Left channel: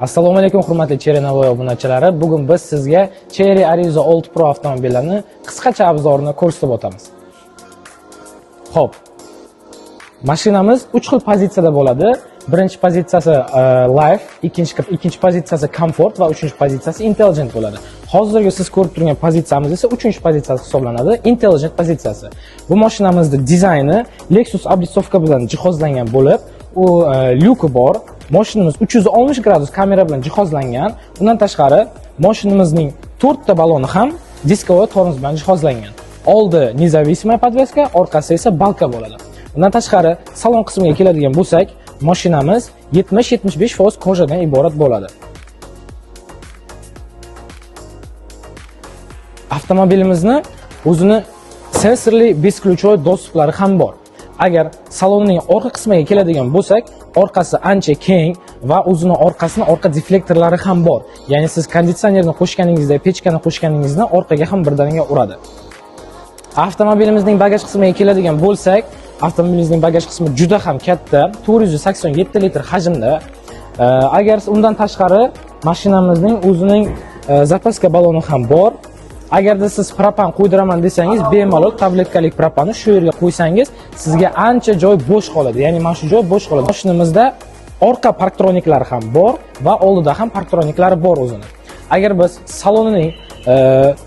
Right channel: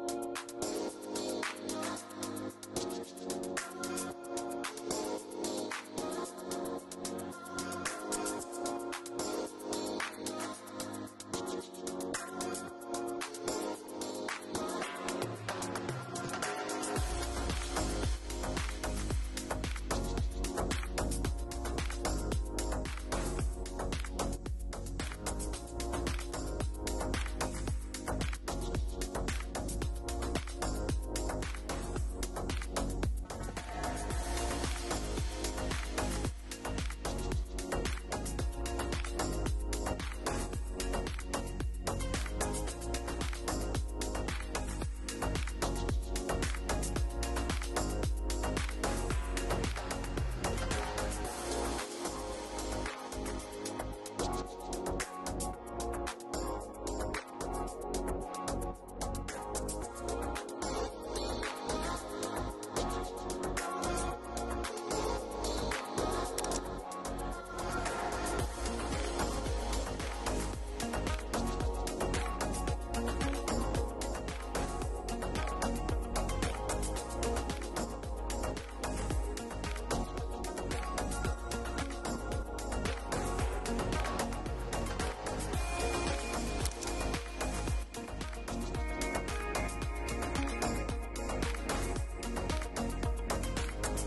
Assalomu alaykum hurmatli Cherry Navoiy obunachilari. Bugun biz sizga Cherry Arizo Old Pro avtomobillarini qisqacha obzorini ko'rsatib o'tamiz. Xo'p. Mashinamiz 3 xil pozitsiyada bo'ladi. Birinchi pozitsiyasi Life, ikkinchi pozitsiyasi Comfort va uchinchi pozitsiyasi Intelligent bo'ladi. Hozirgi siz ko'rib turgan pozitsiyamiz esa 3-pozitsiyasi hisoblanadi, Intelligent pozitsiyasi. Bu mashinamizning dizayni Lexus oblisovka bilan jihozlangan bo'lib, u lyuki bor. Mashinamiz 360 gradus kamera bilan jihozlangan. Undan tashqari, mashinamizning 4 ta baloni ham diskovoy tormoz bilan jihozlangan. Oldi независимая podveska, orqasi esa balka bo'ladi. Undan tashqari, salon qismiga keladigan bo'lsak, mashinamiz 70-75% kojadan iborat bo'ladi. Avtomobilimizni o'zini sensorli beskluchovoy dostuplar ham bor. Agar salonning orqa qismiga keladigan bo'lsak, orqasi ancha keng va o'zining orqa deflektorlari ham bor. Ya'ni siz konditsionerni qo'shganingizda, pechkani qo'shganingizda orqaga ham birdaniga uradi. Avtomobilimizning bagaj qismiga keladigan bo'lsak, avtomobilimizning bagaj qismi juda ham katta, 487 litr hajmda. Agar undan tashqari mashinamizning o'zining zapaska baloni ham bor. Agarda siz propan qo'ydiraman desangiz, bemalol tabletkalik propanni shu yerga qo'ysangiz, sizga ancha joy bo'sh qoladi. Ya'ni mana shu joy bo'sh qoladi. Mashinamizda orqa parktroniklari ham bor va oldida ham parktroniklari bor o'zini. Agar biz salonining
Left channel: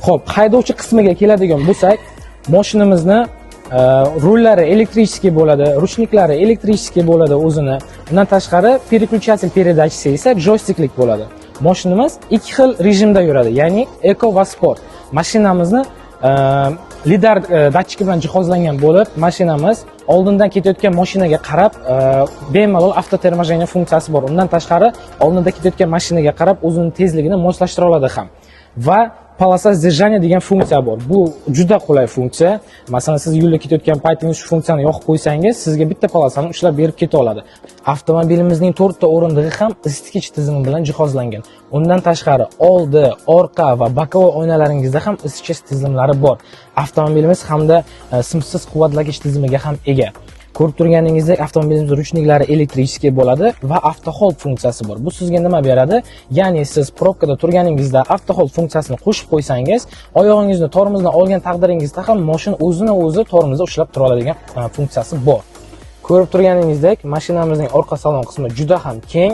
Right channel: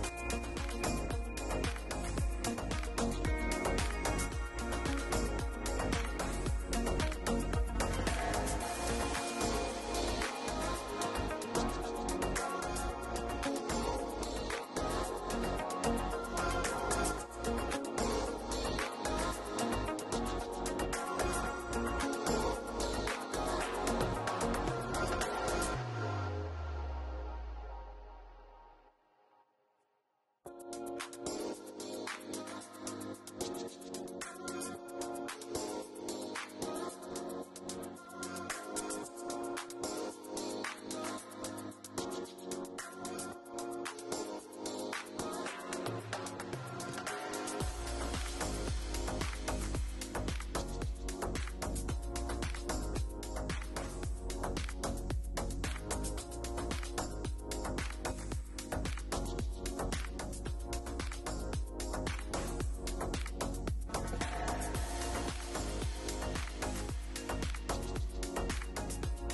xo'p, haydovchi qismiga keladigan bo'lsak, mashinamizni rullari elektrichеский bo'ladi, ruchniklari elektrichеский bo'ladi o'zini. Undan tashqari, переключатель передачasi esa joysticklik bo'ladi. Mashinamiz ikki xil rejimda yuradi, ya'ni Eco va Sport. Mashinamizni lidar datchiki bilan jihozlangan bo'lib, mashinamiz oldindan ketayotgan mashinaga qarab bemalol avtotermajeniya funksiyasi bor. Undan tashqari, oldindan ketayotgan mashinaga qarab o'zining tezligini moslashtira oladi ham. Va polosa сдержания degan funksiya bor. Bu juda qulay funksiya. Masalan, siz yo'lda ketayotgan paytingiz shu funksiyani yoqib qo'ysangiz, sizga bitta polosani ushlab berib keta oladi. Avtomobilimizning 4 ta o'rindig'i ham isitgich tizimi bilan jihozlangan. Undan tashqari, oldi, orqa va bokovoy oynalaringizda ham isitish tizimlari bor. Avtomobilimiz hamda simsiz quvvatlagich tizimiga ham ega. Ko'rib turganingizdek, avtomobilimizning ruchniklari elektrichеский bo'ladi va auto hold funksiyasi bor. Bu sizga nima beradi? Ya'ni siz probkada turganingizda auto hold funksiyasini qo'shib qo'ysangiz, oyog'ingizni tormozdan olgan taqdiringizda ham mashina o'zini tormozda ushlab tura oladigan funksiyasi bor. Ko'rib turganingizdek, mashinamizning orqa salon qismi juda ham keng.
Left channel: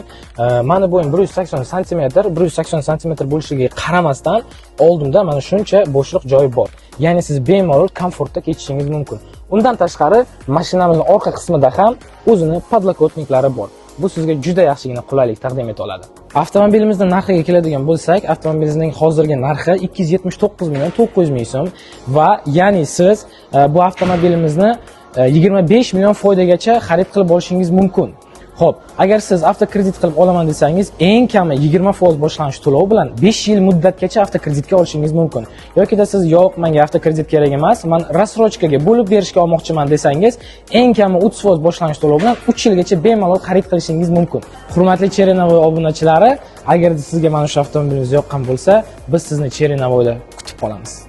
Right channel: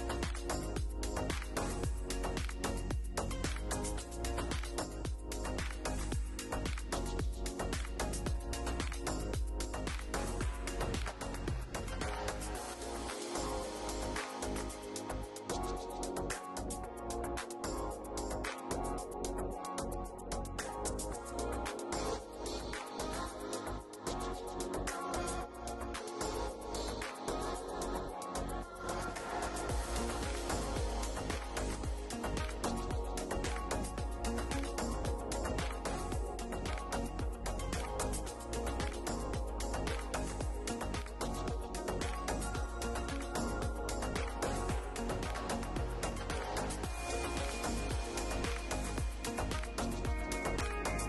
Mani bo'yim 180 sm, 180 sm bo'lishiga qaramasdan, oldimda mana shuncha bo'shliq joyi bor. Ya'ni siz bemalol komfortda ketishingiz mumkin. Undan tashqari, mashinamizning orqa qismida ham o'zini podlokotniklari bor. Bu sizga juda yaxshigina qulaylik taqdim eta oladi. Avtomobilimizning narxiga keladigan bo'lsak, avtomobilimizning hozirgi narxi 279 ming so'm va ya'ni siz bu avtomobilimizni 25 million foydagacha xarid qilib olishingiz mumkin. Xo'p, agar siz avtokredit qilib olaman desangiz, eng kami 20% boshlanish to'lov bilan 5 yil muddatgacha avtokreditga olishingiz mumkin. Yoki siz yo'q, menga avtokredit kerak emas, men rassrochkaga bo'lib berishga olmoqchiman desangiz, eng kami 30% boshlanish to'lov bilan 3 yilgacha bemalol xarid qilishingiz mumkin. Hurmatli Cherry Navoiy obunachilari, agar sizga mana shu avtomobilimiz yoqqan bo'lsa, biz sizni Cherry Navoiyda kutib qolamiz.